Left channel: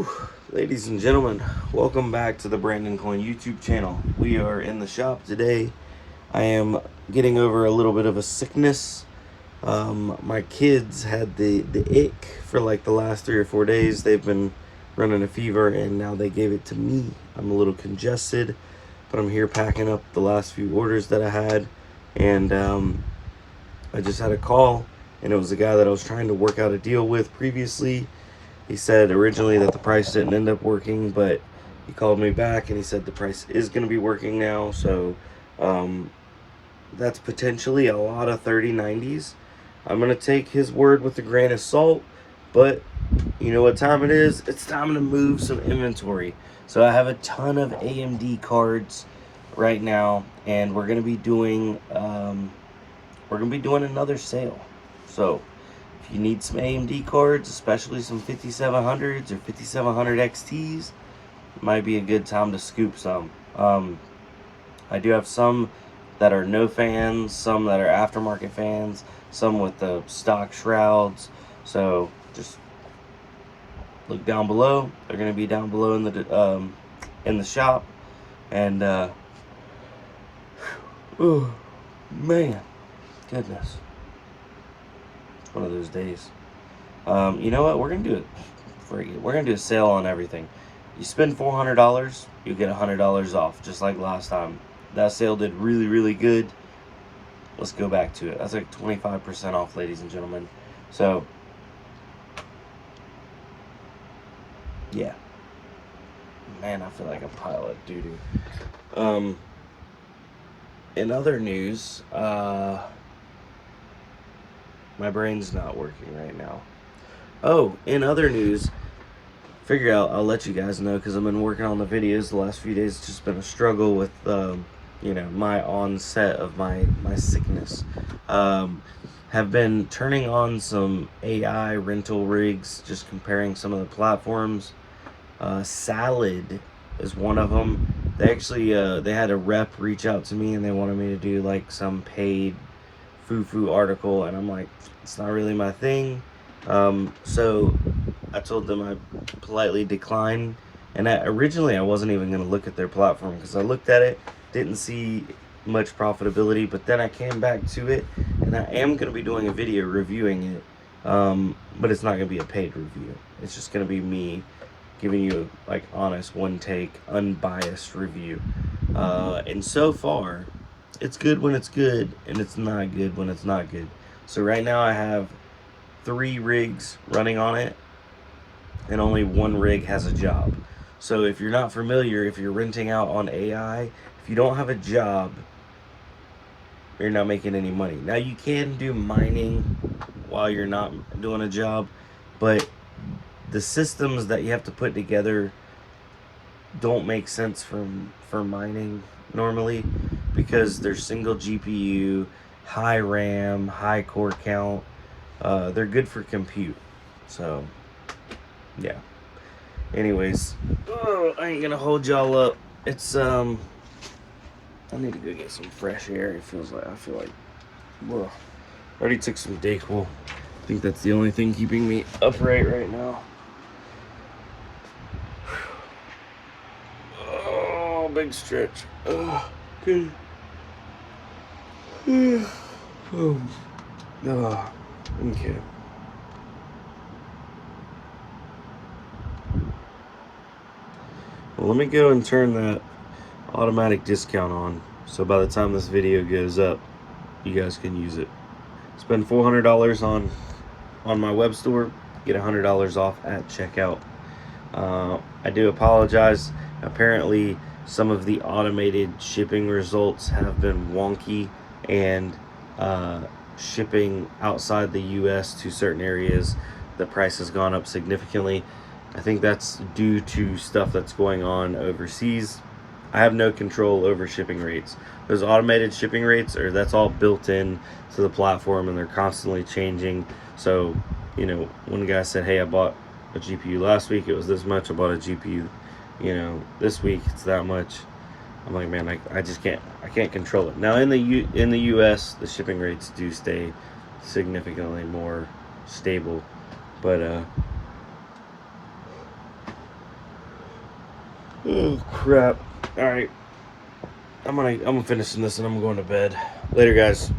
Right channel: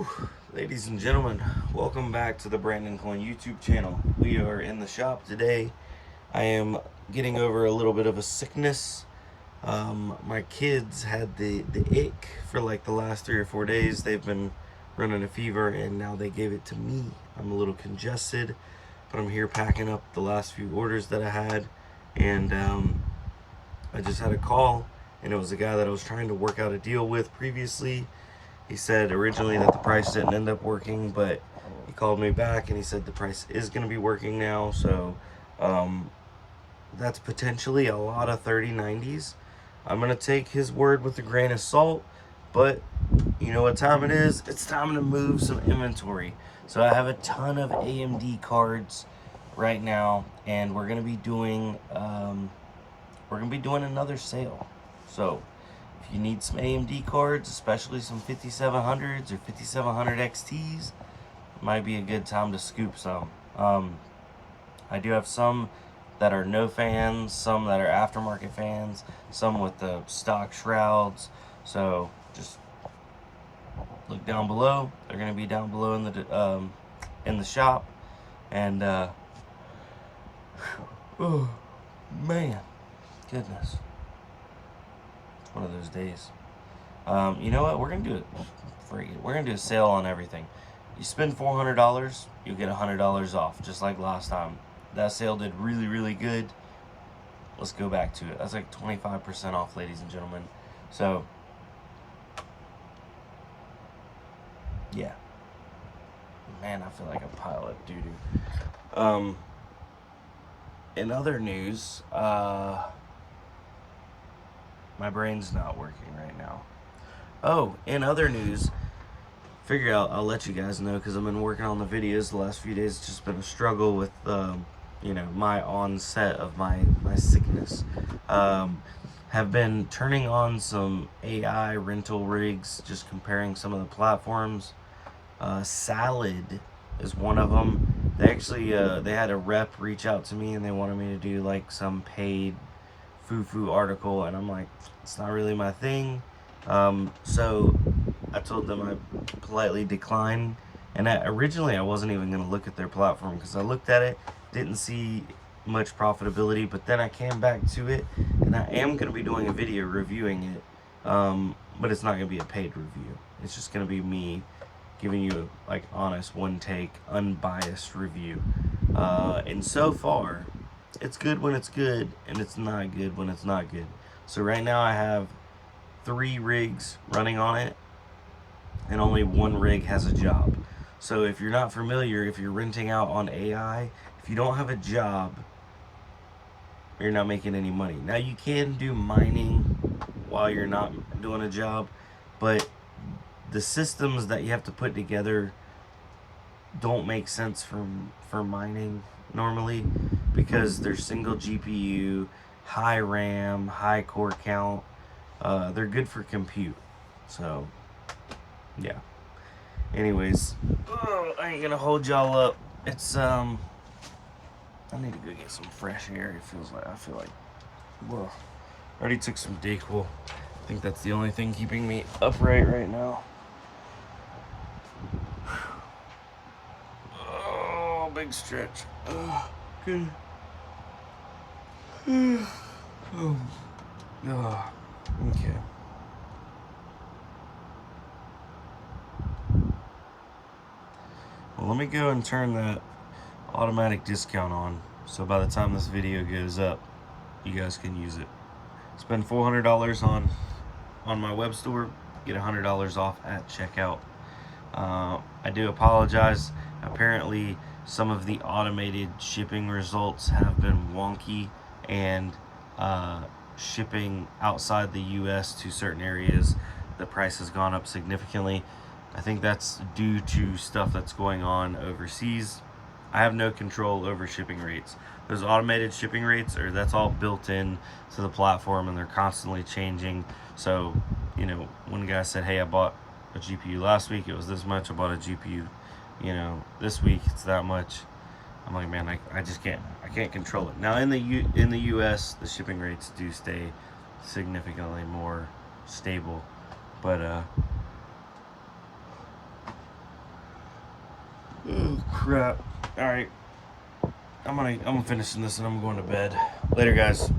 Whew. Ladies and gentlemen, welcome back to the Brandon Coin YouTube channel. We are in the shop today. I am getting over a little bit of a sickness. My kids had the ick for like the last 3 or 4 days. They've been running a fever and now they gave it to me. I'm a little congested, but I'm here packing up the last few orders that I had, and I just had a call, and it was the guy that I was trying to work out a deal with previously. He said originally that the price didn't end up working, but he called me back and he said the price is going to be working now. So that's potentially a lot of 3090s. I'm going to take his word with a grain of salt, but you know what time it is? It's time to move some inventory. So I have a ton of AMD cards right now, and we're going to be doing another sale. So if you need some AMD cards, especially some 5700s or 5700 XTs, it might be a good time to scoop some. I do have some that are no fans, some that are aftermarket fans, some with the stock shrouds. So just look down below. They're going to be down below in the shop. And oh man, goodness. One of those days. You know what? We're gonna do it. We're gonna do a sale on everything. You spend $400, you get $100 off, just like last time. That sale did really, really good. Let's go back to it. That's like 25% off, ladies and gentlemen. So, yeah. Man, I feel like a pile of doo-doo. In other news, my brain's not working right now. Oh, in other news, figure out, I'll let you guys know because I've been working on the videos the last few days. It's just been a struggle with, you know, my onset of my sickness. Have been turning on some AI rental rigs, just comparing some of the platforms. Salad is one of them. They actually, they had a rep reach out to me and they wanted me to do like some paid foo-foo article, and I'm like, it's not really my thing. So I told them I politely declined, and originally I wasn't even going to look at their platform because I looked at it, didn't see much profitability, but then I came back to it, and I am going to be doing a video reviewing it, but it's not going to be a paid review. It's just going to be me giving you a, like, honest, one take, unbiased review. And so far, it's good when it's good, and it's not good when it's not good. So right now I have 3 rigs running on it, and only 1 rig has a job. So if you're not familiar, if you're renting out on AI, if you don't have a job, you're not making any money. Now you can do mining while you're not doing a job, but the systems that you have to put together don't make sense for mining normally, because they're single GPU, high RAM, high core count. They're good for compute. So yeah, anyways, I ain't gonna hold y'all up. It's I need to go get some fresh air. I feel like whoa. Already took some Dayquil. I think that's the only thing keeping me upright right now. Oh, big stretch. Good. Oh, okay. Well, let me go and turn that automatic discount on, so by the time this video goes up, you guys can use it. Spend $400 on my web store, get $100 off at checkout. I do apologize. Apparently, some of the automated shipping results have been wonky, and shipping outside the US to certain areas, the price has gone up significantly. I think that's due to stuff that's going on overseas. I have no control over shipping rates. Those automated shipping rates, that's all built in to the platform, and they're constantly changing. So, you know, one guy said, hey, I bought a GPU last week, it was this much. I bought a GPU, you know, this week it's that much. I'm like, man, I just can't control it. Now in the US, the shipping rates do stay significantly more stable, but Oh crap. Alright. I'm finishing this and I'm going to bed. Later, guys.